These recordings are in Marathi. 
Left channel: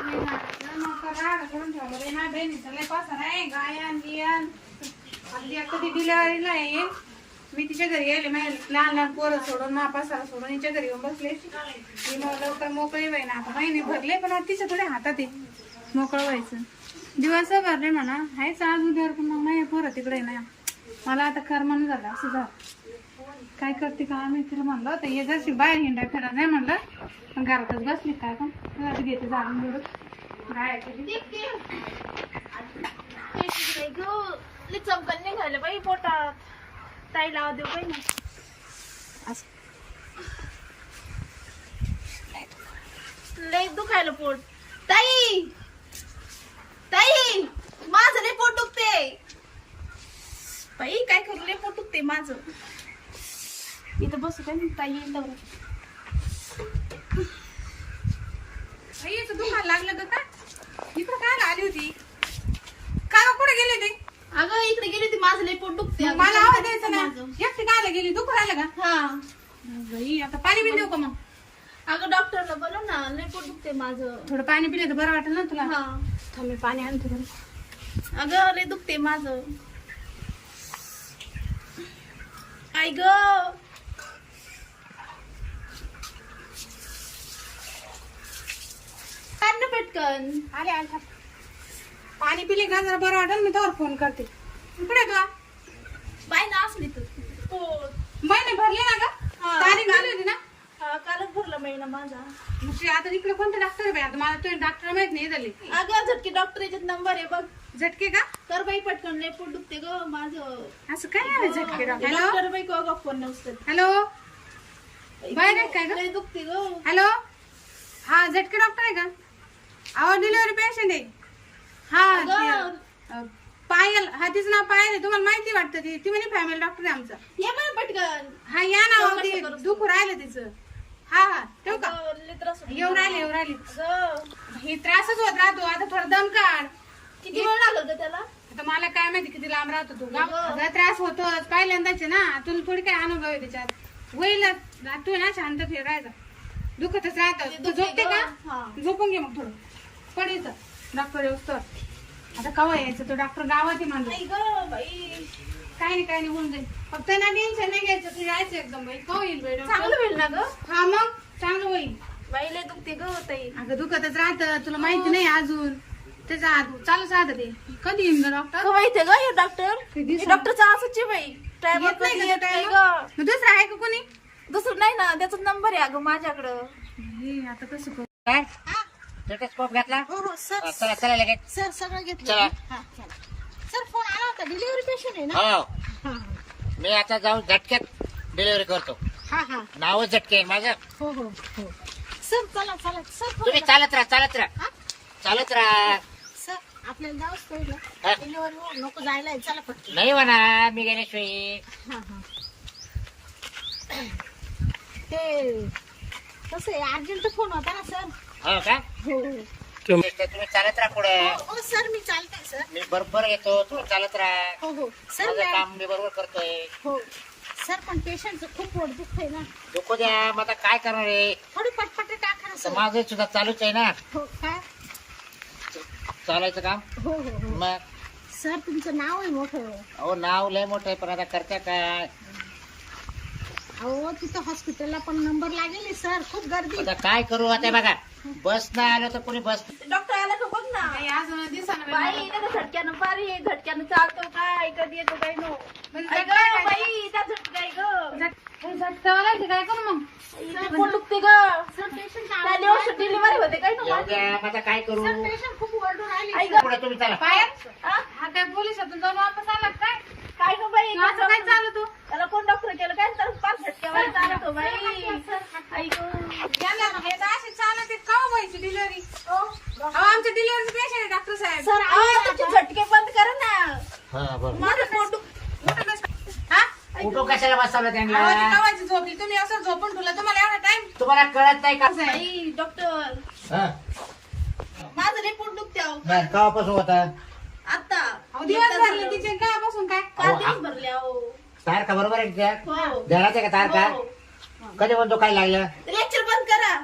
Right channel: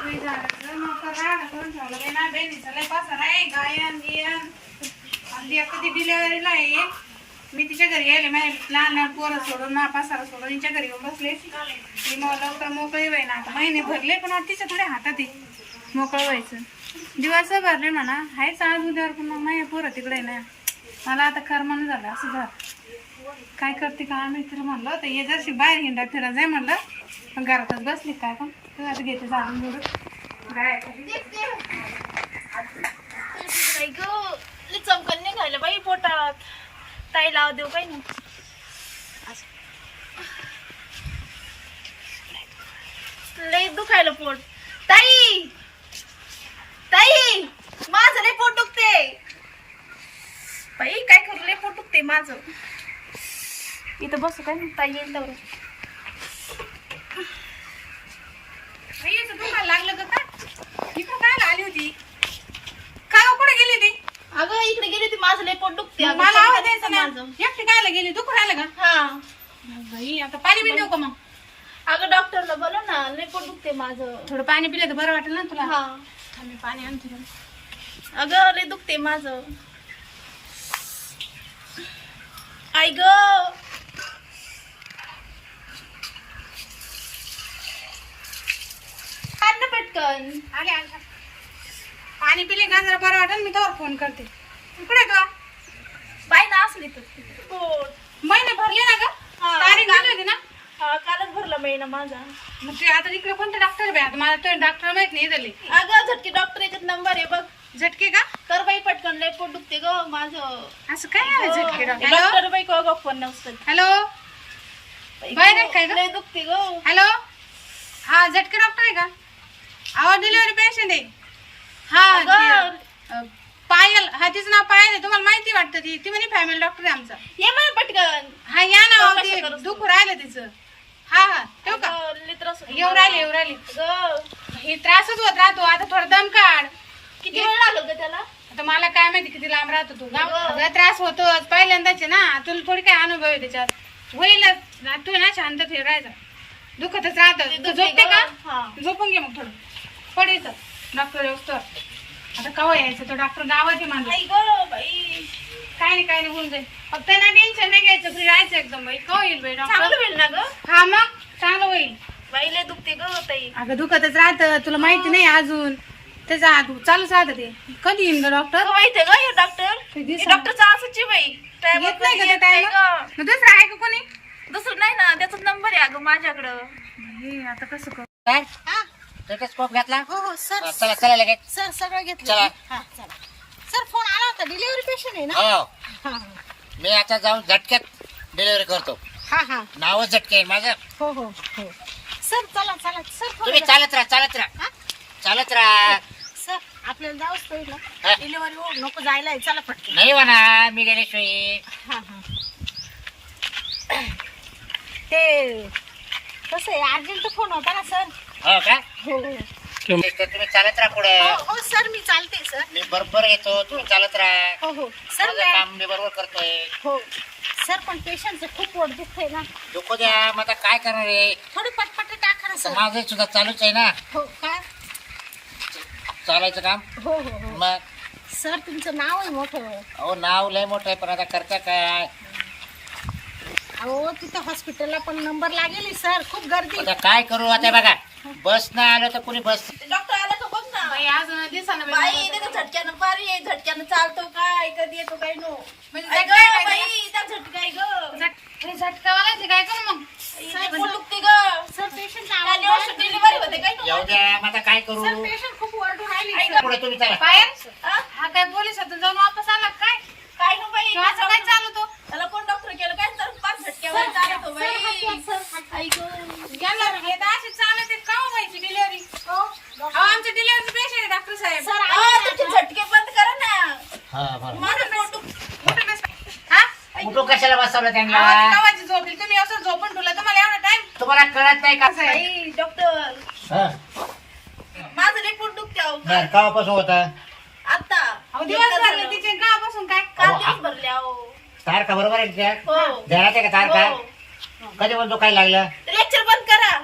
बापरे, झाडाचं मोठं राडा करून ठेवलं रे ना बहिणीचा लय पसारा आहे गायन गियन हल्ली कधी डिलेवरीला येईल मी तिच्या घरी गेले माझे लहान लहान पोरं सोडून मा पसारा सोडून तिच्या घरी येऊन बसले मी मग लवकर मोकळी व्हाय ना आता महिने भरले पण आता तिच्या थोडे हातात आहे मोकळं व्हायचं दिवस भरले म्हणा आहेच आज उद्यावर पण मग माझे पोरं तिकडे ना मला आता करमन झालं असं झालं काय करते का? मित्र म्हणलं तर ये जशी बाहेर हिंडा फिरा जाय म्हणलं. पण घरातच बसली काय पण. तर आता घेते जाणून म्हणून काय चमकल निघाले बाई पोटात. ताई लाव देऊ काही नाही. लई दुखायला पोट. ताई! ताई! माझं लई पोट दुखते बाई काय करू लई पोट दुखते माझं. इथं बसू काय? नाही ताई येईल तर तुम्हाला लागलं का काय? इकडं काय आली? होती. काय हो, कुठे गेली ती? अगं इकडे गेली ती माझं लई पोट दुखते अगं, मला आवाज द्यायचा माझं. एकटी कायला गेली? दुखू राहिलं का? हा. बाई आता पाणी बी देऊ का मग? अगं डॉक्टरला बोलव ना लई पोट दुखते माझं. थोडं पाणी पिलं तर बरं वाटेल ना तुला? हा. थांब, मी पाणी आणते तुला अगं लय दुखते माझं. आई ग काढ ना पटकन. आले आले. पाणी पिले का? जरा बरं वाटेल मी तोवर फोन करते. कुठे तू? बाई ना असली तर. पोट महिने भरले ना ग हा. तारीख आली होती ना? हा कालच भरला महिना माझा. मग ते आता इकडे कोणतं डॉक्टर आहे बाई? आता मला तो डॉक्टर माहीत नाही झाले अगं झटके डॉक्टर याच्यात नंबर आहे बघ. झटके का? कर बाई पटकन लय पोट दुखते ग माझं. असं काय आहे झटके डॉक्टर? डॉक्टर बाई को गप्प फोन नसतं हॅलो? बाई नाही काय ग? लय दुखते ग. हॅलो? हा झटके डॉक्टर आहे का? आवाज डिलिव्हरी पेशंट आहे हा. ते, पायल हा तिचं नाव पायल आहे. तुम्हाला माहिती वाटतं ती? ती म्हणे फॅमिली डॉक्टर आहे आमचा. ये मला पटकन. हा या ना अहो, ते. दुखू राहिलं तिचं. हा हा ठेवू का? अगं, लय त्रास होतो. येऊ राहिले येऊ राहिले. अगं, हे त्रासच होत राहतो. आता थोडं दम काढ. किती वेळ लागल ग त्याला? आता मला काय माहिती किती लांब राहतो तू गाव. अगं, त्रास होतोच. पहिल्यांदाच आहे ना. तुला थोडी काय अनुभव आहे त्याच्यात? होईलच ना, तू ना शांत फिरायचा दुखतच राहत. ते दुखते झोपते. का? हा. झोपून घे मग थोडं. पडायचं डॉक्टर येऊस आता कवा यायचं? तो डॉक्टर गावात म्हणलं. आई ग बाई. काय नाही काय नाही होऊन जाईल. फक्त ना टेन्शन नाही घ्यायचं फ्री राहायचं एकदम बाई. कवा येईल बाई चांगलं डॉक्टर होईल ना ग? हा मग चांगलं होईल. बाई लय दुखते ग ताई. अगं दुखतच राहतं तुला माहिती नाही अजून. त्याचा चालूच राहतं ते. कधी येईन ग डॉक्टर? अगं माहितीये ग हे डॉक्टर? डॉक्टरचा असंच आहे बाई. टायमर येत नाही कधी का येत त्या नाही टायमात? ग. मग दुसरं आहे का कोणी? दुसरं नाही ना त्याचा नंबर आहे अगं माझ्याकडं. हे, आता कसं करू? काय? स्टेटस्कोप घेतला? हो हो सर चला चला लगेच. सर सगळं घेतलं. चला. हा चला. सर फोन आला होता. डिलिव्हरी पेशंट आहे ना? हो. हा. मी आता जाऊन झटक्यात डिलिव्हरी करतो. हा हा. नावच झटके आहे माझं. हो हो हो. सर चला चला. सर फोन तुम्ही चालत राहा चालत राहा. हा? चालत राहा. सर आपल्याला जाऊच पाहिजे हा. डिलिव्हरी हो नको जायला आहे. चला पटकन. नाही म्हणा मी गेल्याशिवाय. हा हा. ते कसं आहे? अर्जंट फोन होता ना सर? हो का? हो. तुम्ही चालत राहा पुढं. हो हो सर मी चालते सर. मी बरोबर येतो तुम्ही चालत राहा. हो हो. सर माझं काम मी बरोबर करतोय. हो. सर पण पेशंटचं खूप पोट दुखतंय ना. दुखू द्या मग आता काय करणार आहे? थोडी पटपट टाका ना तर सर. माझं सुद्धा चालूच आहे ना. हो काय चालायचं काम? हो हो हो. मग? सर तुमचं नाव आहे मोठं. अहो नाव लय मोठं आहे पण आता करता काय? अहो तिथं हॉस्पिटलला पण नंबर लागेल सर. खूप गर्दी. आता काय करू आता बघा. बस नाही आलं तर कोणी बस डॉक्टर आला का बघ ना? बाई दिसाना झटक्यानं पारी झटक्यानं चालतो काय? कधी येतो काय नो? म्हणजे झटका गं, काय बाई त्या झटका आहे ग. हे झटका वालायचं काय करू मग? सर पोट दुखते ग. त्या दिवस डिलिव्हरी होते काय नो? जाऊ द्या मग आता काय करू? सर पेशंट खूप ओरडून राहिली. पुढे तुम्ही चला. हा? हा काय पोलीस होता जाऊन वापस आला का काय काय नो बाई तो असं काय चालू तू त्याला कोण डॉक्टर केलं काय तर पाच झटक्यावर चालतो बाई ऐक यांना हे तर असे चालत आहेत का हो व्हायची डिलिव्हरी अहो आमचे डिलिव्हरी पेशंट आहे डॉक्टर साहेब सर अहो, तुमचे झटके बंद करा ना हा बरं माझं पोट दुख- मोठं नस- हा कुठं कशाला बसवलं त्यांना. गावाची झोपली तुम्ही असं झोपून ठेवलं तुम्हाला एवढा टाइम तुम्हाला कळत नाही का? डॉक्टर हा. माझं पोट दुखते अहो. बरं, केव्हापासून होता? आता अहो दिवस भरले तिचे गावापासून काय? काल अहो, दिवस भरले अहो. तारखा बरोबर आहे त्या हो. आहे का तारखा? हो. कधी पण तो काय लागलं? लेक्चर बंद करा.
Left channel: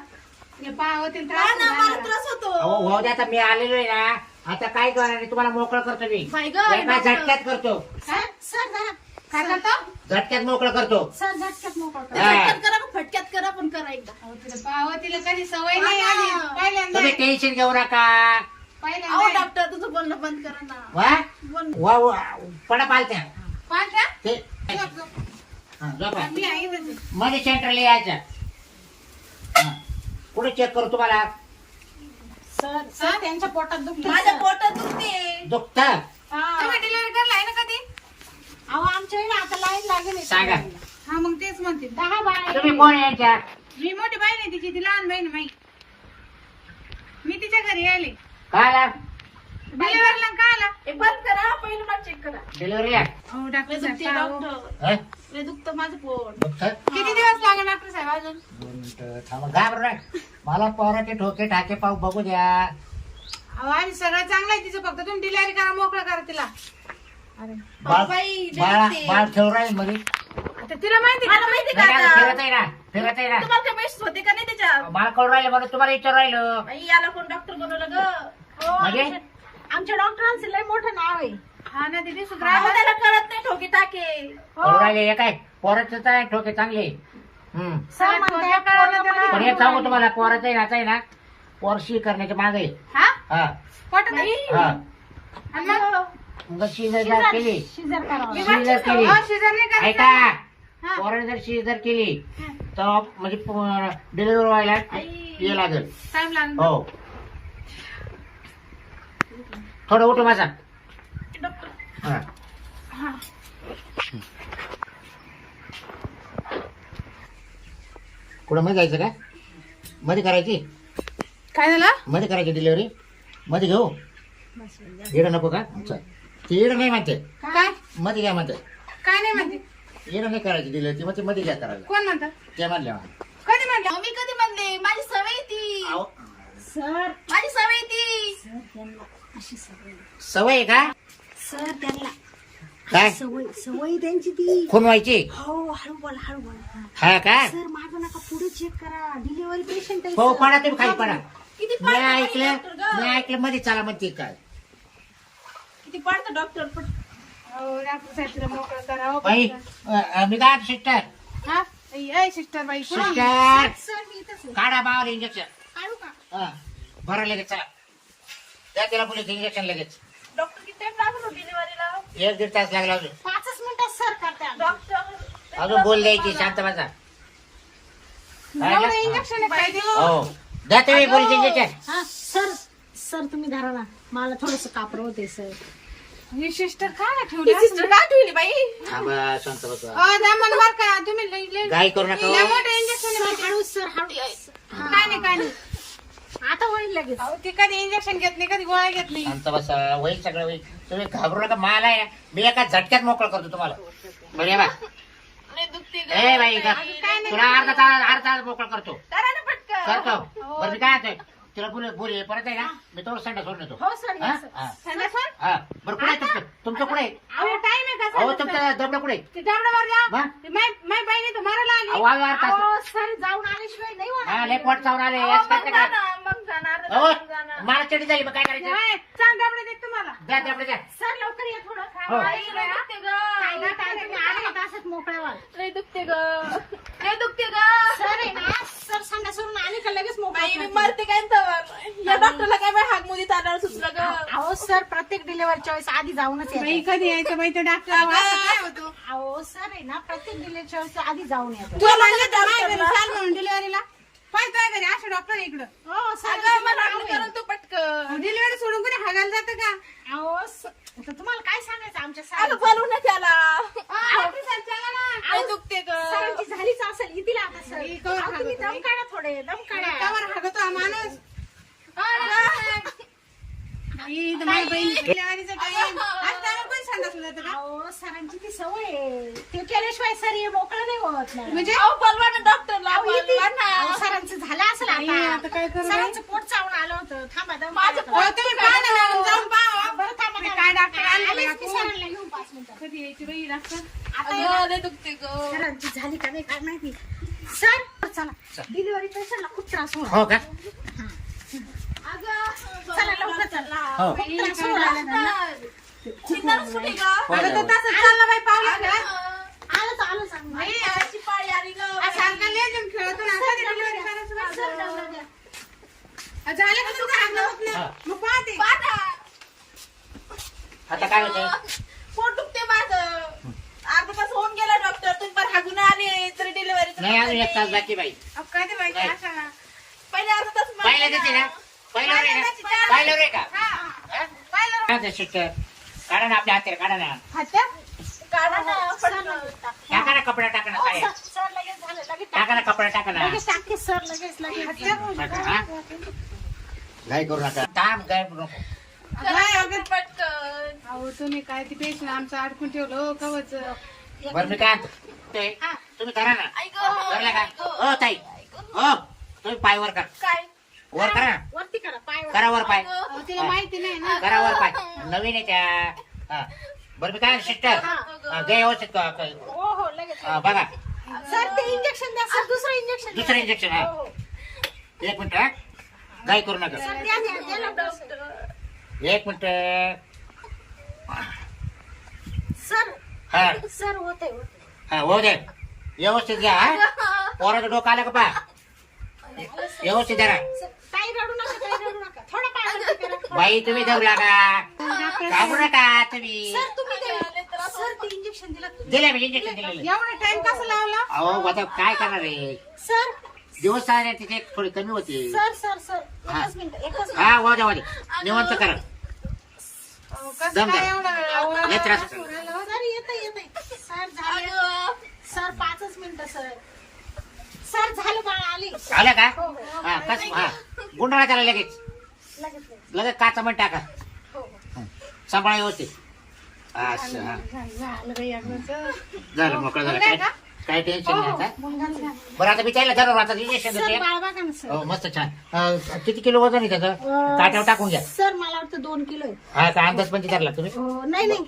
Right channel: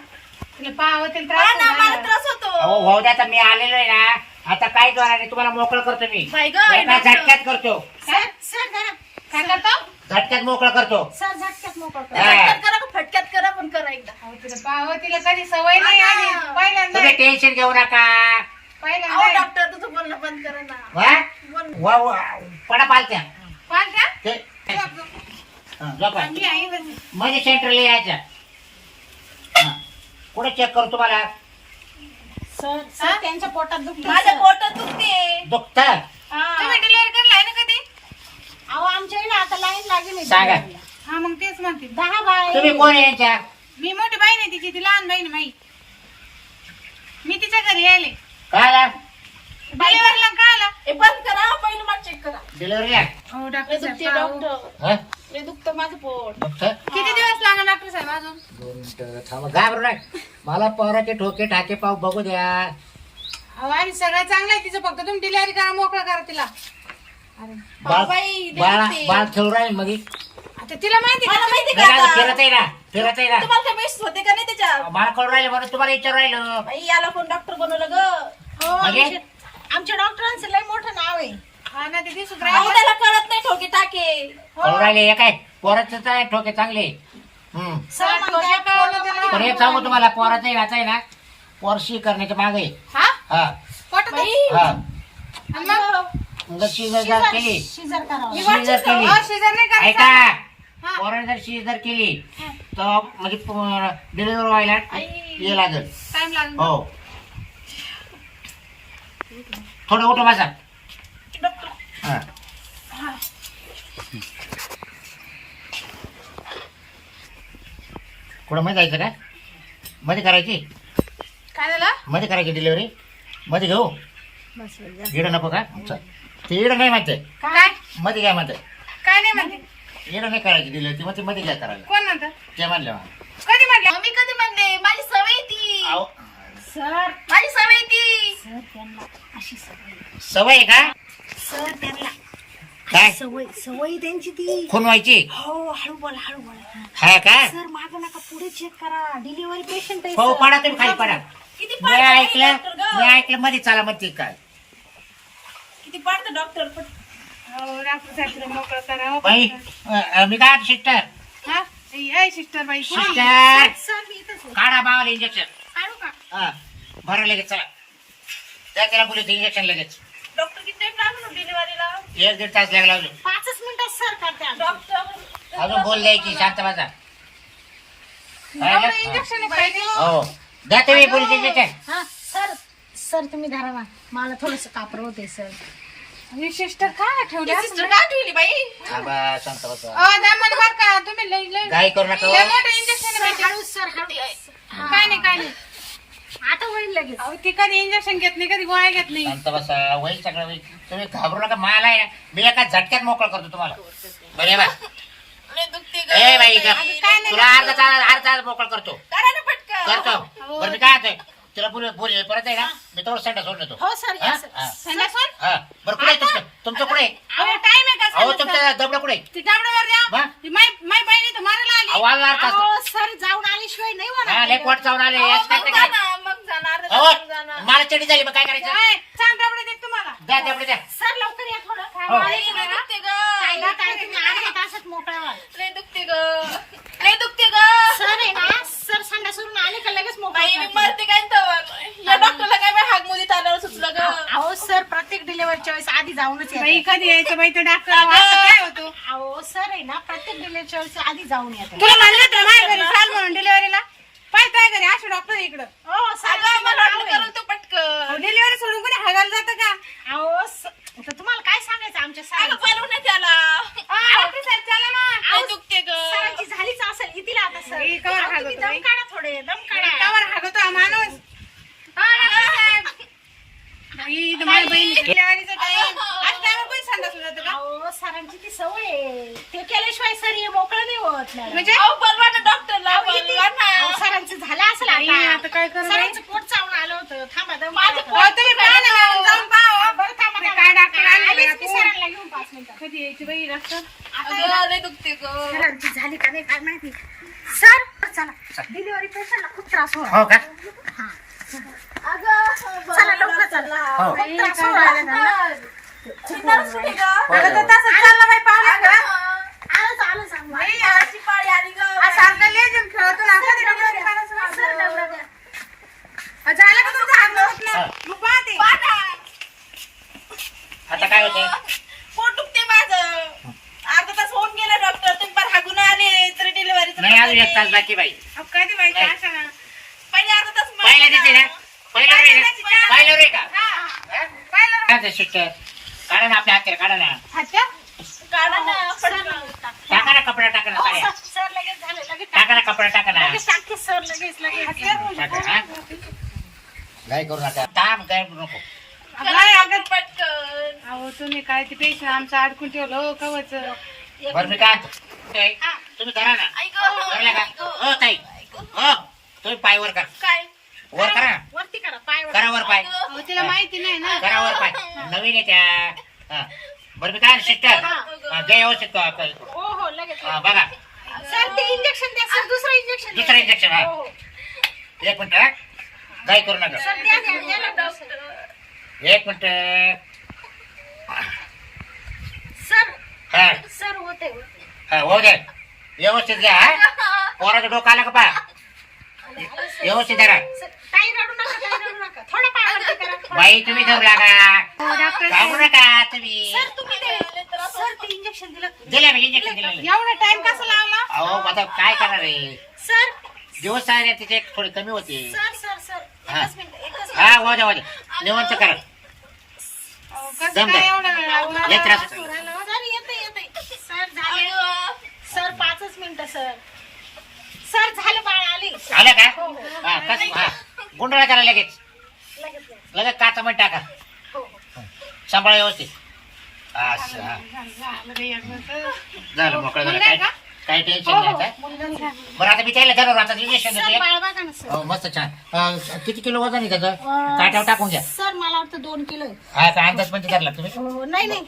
तिला पाहावं तिला हा त्रास ना होणार. मला त्रास होतो. अहो भाऊ द्या आता मी आलेलो आहे ना. आता काय करणार नाही तुम्हाला मोकळं करतो मी. बाई ग, एका डॉक्टर. झटक्यात करतो. काय? सर जरा काय करतो झटक्यात मोकळं करतो सर झटक्यात मोकळ हा. झटक्यात करा का फटक्यात करा पण करा एकदा अहो, तिला पाहावं तिला कधी सवय नाही हा. आली पहिल्यांदा तुम्ही टेन्शन घेऊ नका अहो पहिल्यांदा डॉक्टर तुझं बोलणं बंद करा ना वा बोल वा वा. पडा पालत्या. ते. हा, झोपा. मी. मध्ये सेंटरला यायचं हा. कुठे चेक करू तुम्हाला सर सर त्यांच्या पोटात दुखते माझ्या पोटात दुखते दुखत तुम्ही डिलिव्हरी करायला आहे ना अहो आमच्या इकडे आता लाईन लागेल सांगा. हा मग तेच म्हणते. दहा बाय. तुम्ही कोण आहे यांच्या? मी मोठी बहीण आहे तिची ती लहान बहीण आहे माई. मी तिच्या घरी यायले. काय आला डिलिव्हरीला काय आला हे बंद करा पहिलं मला चेक करा. डिलिव्हरीला? हो लय डॉक्टर दुखते साहेब पाहू. डॉक्टर हा? लय दुखतं माझं पोट. दुखत किती दिवस लागणार डॉक्टर साहेब अजून? दोन मिनिटं थांबा. घाबरू नका. मला पोराचे ठोके ठाके पाव बघू द्या. अहो आम्ही सगळं चांगलं आहे तिचं फक्त तुम्ही डिलिव्हरी करा मोकळं करा तिला. बाळ बाई, बाळा दुखते. बाळ खेळू राहील मध्ये आता तिला माहिती मला का? माहिती का नाही का, आता? फिरत आहे ना फिरत आहे ना. तुम्हाला काय माहीत होते का नाही त्याच्यात बाळ राहिलं म्हणून तुम्हाला विचार राहिलं. बाई याला कोण डॉक्टर बनवलं ग? हो म्हणजे? आमच्या- आमच्या डॉक्टरांचं लय मोठं नाव आहे. हा ना तिथे अहो, सुधरा त्याला कळत नाही ठोके टाके. कळू राहिले हे काय? पोराचं तर आहे ठोके चांगले. हम्म. सर म्हणते, ठोके कळलं त्याला. पण एक सांगू तुम्हाला पोराचं आहे, याचं आहे ना पोरशी करण्याच्या मागे. हा? हा. पोटात आहे? बाई, हा. आणि मग? मग शिजर जर केली. शिजर करावं. मी शिजर वाटतं केली. शिजर नाही करायचं. ऐका. हा. पोराने जर शिजर केली तर म्हणजे डिलिव्हरी व्हायला आई. ये लागेल. टाइम हो. थोडं उठो हा. कुठं मध्ये जायचं का? मध्ये करायची? काय झालं? मध्ये करायची डिलिव्हरी मध्ये घेऊ? इडं नको का? चल. ते इडं नाही म्हणते. काय? मध्ये घ्या म्हणते. काय नाही म्हणते? इडं नाही करायची डिलिव्हरी ती मध्ये मध्ये घ्या करायला. कोण म्हणतं? ते म्हणले मला. कधी म्हणलं? मी कधी म्हणले? माझी सवय ती. सर. माझी सवय ती. सर त्यांना अशी सवय सवय आहे का? सर त्यांना काय? सवय सवय त्यांची ती. खून व्हायची? हो हळू बोला हळू बोला. हा का? सर मागं नका पुढे चेक करा. डिलिव्हरी पेशंट आहे हो sir. पडा तुम्ही खाली पडा. किती मी ऐकलं? मी ऐकलं मध्ये चाला म्हणते काय? किती पडतं डॉक्टर पण हो डॉक्टर साहेब तुला मोकळं करा हो, बाई. डॉक्टर. अ, मी काय सिस्टर हा? ए सिस्टर बाई कुठे आहे? सिस्टर सर मी इथंच आहे. काढा मावाला इंजेक्शन काढू का? हा. बरं लगेच चला. द्या त्याला पोलीस इंजेक्शन लगेच. डॉक्टर किती टाइम लागलो डिलिव्हरीला एक दीड तास लागला अजून. पाचच मिनिटात सर करते डॉक्टर अजून बोल द्यायची शांत बसा. इंजेक्शन हो द्या तुम्ही पोलीस इंजेक्शन हा सर सर तुम्ही धरा ना. मला थोडस कापर होते सर. ही सिस्टर काय ठेवली सिस्टर का ठेवली बाई? थांबा शांत बसा. अ दामन बर का तुम्ही लई लई करू नका लई हो. मोठं इंजेक्शन आहे हळू सर हळू. काय नाही काय नाही. आता होईल लगेच. अहो ती कधी इंजेक्शन घेत नाही कधी गोळ्या घेत नाही. शांत बसा. होईल सगळं होईल. तुम्ही घाबरू नका मला आहे मी एका झटक्यात मोकळं करतो तुम्हाला. बरे बा ए बाई का तुला अर्धा तास अर्धा तास मोकळं करतो. करा ना पटकन. करतो. बरं मी काय होतोय तिला बोल बोल परत आहे ना मी तोवर संडा सोडून येतो हो सर हा? या सर हा. हा बरं कुठे आहे तुमचं तुमचं कुठे आहे? अहो टाइम आहे का अहो संध्याकाळ? तुमचं दबडं कुठे आहे? ती द्या वा? ती माय माय तर मारायला आली अहो, वाज वाज तास. अहो, सर जाऊन आल्याशिवाय नाही हा होणार लय पोट चावून आले अहो, याच काय मग काय जाणार, मग जाणार अहो जाणार. मला चडी झाली मग काय करायचं काय चांग डाबडे देत तुम्हाला द्या दबडे द्या सर लवकर या थोडं हो. लय दुखते ग ताईला ताई तुम्ही अर्ध्या तासात मोकळा व्हाल. लय दुखते ग लय दुखते ग सर आहे ना सर संडा सोडून का लगेच मोकळा मी मरते काय या डॉक्टरला काय हाक मोदी आल्यावर सुचलं ग? अहो सर प्रत्येक डिलिव्हरीच्या वेळेस आधी जाऊनच बाई येतात. कधी यायचं बाई डॉक्टर काय होतो? अहो सर आहे ना प्रत्येक डिलिव्हरीच्या वेळेस आधी जाऊन येतात. तुला म्हणलं होतं माझ्या घरी चाल म्हणून डिलिव्हरीला आहे घरी असं डॉक्टर इकडं. हो सर तू पटकन. डिलिव्हरी सोडून कोणी हागायला जातं का? अहो स- तर तुम्हाला काय सांगायचं? आमच्या सरांचं? अहो, डॉक्टर साहेब चला ना अहो, सरांची झालीच असेल. येतील आता सर. बाई, कवर अहो, तुम्ही हागवतो दम बाई. काढा थोडे दम काढा कवर हागतो हा माणूस हा, डॉक्टर साहेब. बाई, इथं माझ्या बहिणीचं डिलिव्हरीचा टाइम आज टाइम पण संडासला जातं का अहो सरांची ती सवय आहे ते केल्याशिवाय सर हे मोकळं नाही होत मॅडम. म्हणजे? अहो, बोलवा ना डॉक्टरला बोलवा ना. अहो, सरांचं झालं असेल आता आता काय करू बाई? सरांचं पोट चावून आलं होतं थांबा दम हो, तुम्ही पाहा ना मॅडम, जाऊन पाहा, हो. बरं थांबा. काय डॉक्टर आले बाई आलीच मी आपण. सरांना घेऊन पाच मिनिटात कधी यायची बाई डॉक्टर सरांची झाली का नाही काय माहिती सर चला. डिलिव्हरी पेशंटला खूप त्रास होतो हो का? चला लवकर चला. हो. खूप त्रास होऊ राहिला त्यांना. हो, अगं ते. तसंच चाललं बाई. आलं आलं सांग मला. खेळतो ना, डिलिव्हरी करायचं म्हणलं. झालं का तुमचं हागणं होत नाही? मग पाहते. आता काय होते पोट दुखते माझं. अर्धा तास होऊन गेला डॉक्टर तुम्ही पर हागून आले तरी डिलिव्हरी नाही अजून एक तास बाकी बाई. अहो, कधी बाई नाही. अशा ना. पहिले अर्धा तास मला- पहिल्या देते ना. पहिलं रे ना. पहिलं रे का? हा. हा? पाहिलं काय ते सिस्टर काढा ना आपल्या हाताला काढा ना. हात्या? काढा ना, सर, पटकन. टाका ना कपडा टाका ना साड्या सर, सर लगेच झालं लगेच टाका ना कपडा टाका ना. लगेच टाकते सर लगेच लगेच. टाका हा? गाय करू नका. अगं, पटकन. अहो तुम्ही काय ते पेशंट आमचं अडकून ठेवलं हो कवच. बरं मी काय आणतो? ते, तुम्ही करा ना. करला का? हो ताई. हो तुम्ही पाय वर करा. काय? वर करा. ना. वरती करा पाय वर. करा वर पाय. अहो तिला माहिती नाही ना. करा वर पाय. नवीन आहे त्या. हा. बरं मी काय सिस्टर? हा, घे व्यवस्थित क- क- करू. हो हो लगेच. हा, बघा. सर ते इंजेक्शन द्या सर. दुसरं इंजेक्शन द्या. दुसरं इंजेक्शन हा. हो, हो. एक मिनिट हा. गाय करू नका. सर द्या द्या द्या लवकर, सर. एक मिनिट. सर हा. सर होते होते हा हो दे. व्यवस्थित घ्या हा? पोराचं डोकं आलं का पा व्यवस्थित रडू नका रडू नका. थोडं करा बाई तुम्ही जाऊ लागा. डॉक्टर घाबरू नका तुम्ही. सर तुम्ही ते सर ते इंजेक्शन दिलं. तुम्ही दिले मी इंजेक्शन दिलेले. एवढा टाइम कसा लावला? अहो आता काय करणार आहे? सर. दिवस आहे ना तिचे थोडी कमी होती. Sir sir sir. हा. एकच मिनिट एकच हा वाजा वाजा निवंत करा. कसं दम काय द्या. एवढा वेळ लावला? लय त्रास होतो. मिनिट सर येते येते सर झाले अगं, सर पाचच मिनिटं सर. सर झालं बाळ आली. आलं का? हो हो. हा कस हा. गुंडाळा करा लगेच. लगेच लगेच. लगेच काचा पण टाका. हो हो. सांभाळा व्यवस्थित. असं हा. झालं झालं बाई एकदाचं. झालं मोकळं झालं. काय? काही टेन्शन हो, नाही हो, आता आहे. बरं आता त्याला जरूर आता इंजेक्शन सर देते बाळ बघा ना सर. हो मस्त छान. अं, किती किलो वजन आहे त्याचं? अं, ताट्यावर टाकून घ्या. सर मला वाटतं दोन किलो आहे. हा का अंदाज पण धरला तुम्ही? हो, नाही नाही.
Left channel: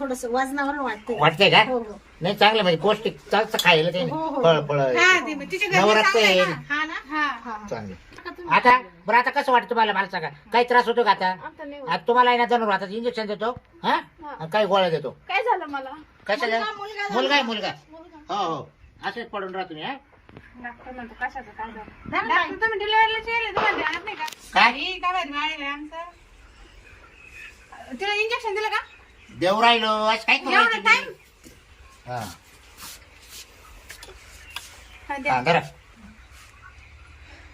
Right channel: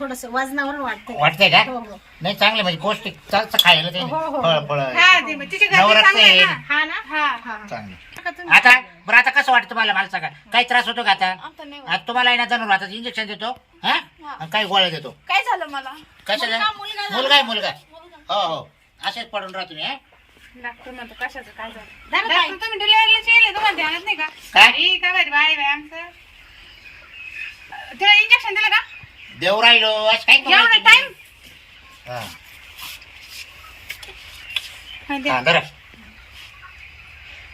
थोडस वजनावर वाटतंय. वाटतंय का? हो हो. नाही चांगलं म्हणजे पौष्टिक चालतं खायला ते. हो, हो. फळ फळ हा, ते मग तिच्या घरचे नवरात्र चांगलं आहे आहे. ना. हा ना? हा. हा. हा चांगलं. टाका तुम्ही. आता बरं आता कसं वाटतं तुम्हाला? मला सांगा. काही त्रास होतो का आता? आता नाही होत. आता तुम्हाला जरूर आता इंजेक्शन देतो हा. आणि काही गोळ्या देतो. काय झालं मला? कशाला? मुलगा, मुलगा झाला. मुलगा आहे मुलगा. हो हो असेच पडून राहा तुम्ही हा? डॉक्टर म्हणतो कशाचं काय झालं बाई. डॉक्टर तुम्ही डिलिव्हरीला केले तुम्हाला ध्यानात नाही का काय? अरे, काय बरं बाय बाय आमचं तिला इंजेक्शन दिलं का देव राहिलो आज काय करू एवढा राहिले टाइम तुम्ही? हा. हा, द्या. हा, धरा.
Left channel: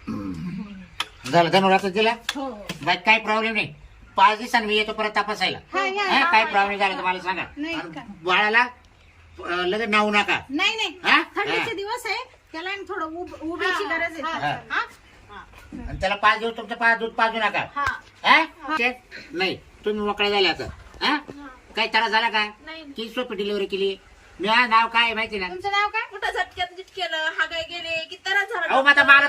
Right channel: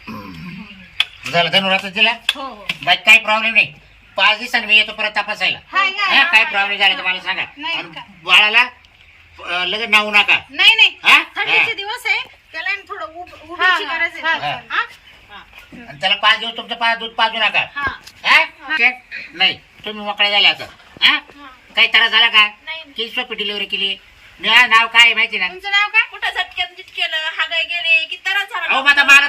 हम्म. झालं दिला हो हो बाकी काही प्रॉब्लेम नाही पाच दिवसांनी मी येतो परत तपासायला हा, या, हा, या. काय प्रॉब्लेम झाला तर मला सांगा नाही आणि का? बाळाला लगेच नावू नका. नाही नाही. हा? थंडीचे हा. दिवस आहे. त्याला आहे ना थोडं उब- हा, उभीची हा, गरज हा, आहे. हा. हा? आणि त्याला पाच दिवस तुमचं पा दूध पाजू नका. हा. हा? नाही. तुम्ही मोकळे झाले आता. हा? काही त्रास झाला का? नाही. किती सोपी डिलिव्हरी केली? मी हा नाव काय आहे माहिती ना? तुमचं नाव काय? कुठं झटक्यात केलं हागाय गेले? की त्रास झाला? अहो माता मला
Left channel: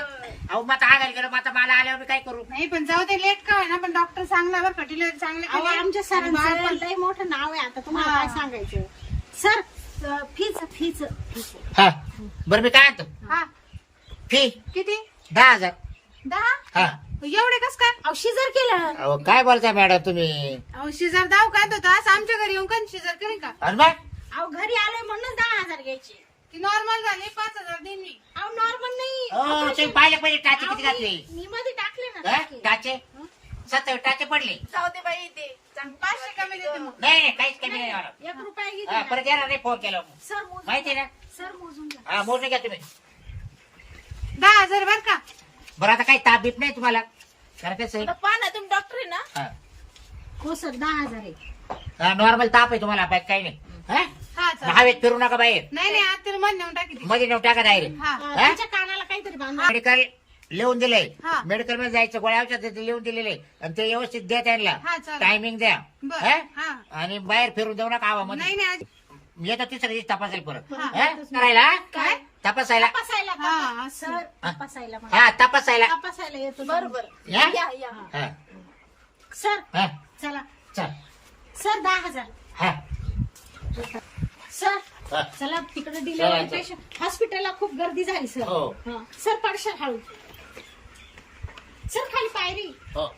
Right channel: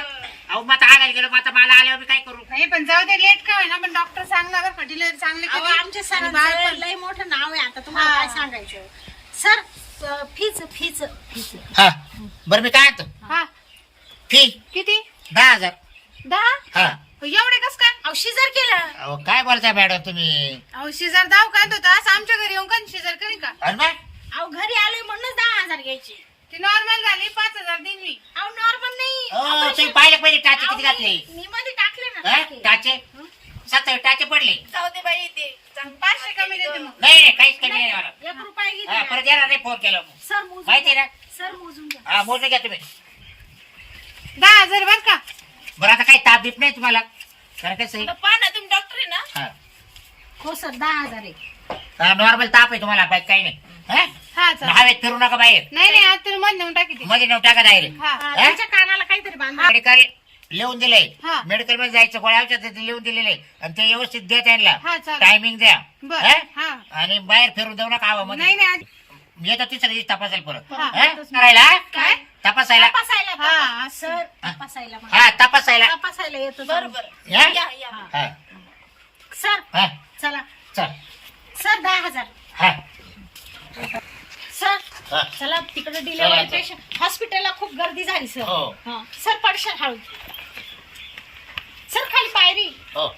अहो माता आगायला गेलो. माता मला आल्यावर मी काय करू? नाही पण जाऊ दे लेट का ना पण डॉक्टर चांगला बरं का. डिलिव्हरी चांगली अहो, केली. आमच्या आणि बाळ सरांचं पण- लय मोठं नाव आहे आता. तुम्हाला हा. काय सांगायचं? सर फीच फीच फीच हा बरं मी काय आणतो? हा. फी. किती? दहा हजार. दहा? हा. एवढे कस काय? अहो शिजर केलं. अहो काय बोलताय मॅडम तुम्ही? अहो शेजार दाव काय होता असं आमच्या घरी येऊन कधी शेजार करी का? अरे मग? अहो घरी आलोय म्हणूनच दहा हजार घ्यायचे. ती नॉर्मल झाली पाच हजार देईन मी. अहो नॉर्मल नाही. अहो, तुम्ही Operation- पाहिलं पाहिजे टाचे अहो, किती घातले? मी मी मध्ये टाकले ना? टाके. टाचे? सत्तर टाचे पडले. जाऊ दे बाई ते. चांगलं पाचशे कमी देते मग. नाही नाही काहीच कमी नाही एक रुपया हा. परत येणार नाही फोन केला मग. सर मोजून माहिती घ्या. ना? सर मोजून घ्या. हा मोजून घ्या तुम्ही. दहा हजार बर का? बरं आता काही ताप बीप नाही तुम्हाला? कारण कसं आहे? पहा ना तुम्ही डॉक्टर आहे ना? हा. हो सर दहा हजार आहे. हा नॉर्मल ताप आहे तुम्हाला बाकी काही नाही. हा? हा चल हवेत फिरू नका बाहेर. नाही नाही तुम्ही मध्ये नेऊन टाकी ती. मध्ये नेऊन टाका डायरेक्ट हा? त्याच्या कानाला काहीतरी बांधा. लिहून दिलंय. हा. मेडिकलमध्ये जायचं गोळ्या औषध ते लिहून दिलेले. आणि ते व्यवस्थित द्या त्यांना. हा, चालेल. टायमिंग द्या. बर हा? हा. आणि बाहेर फिरून देऊ नका आवामध्ये. नाही आज- येतात तिसऱ्या दिवशी तपासायला परत. हा? करायला? काय? तपासायला? तपासायला हा, सर तपासायला हा तपासायला. तपासायला येतो. बरोबर. या? या या. हा. सर हा. चला. चल. सर दहा हजार. हा. सर हा. चला तिकडे डिलेवरी चला, चला. पेशंट हॉस्पिटलला खूप गर्दी झाली सर. हो. हा. सर पडशाल हळू. सर खाली पायरी. हो.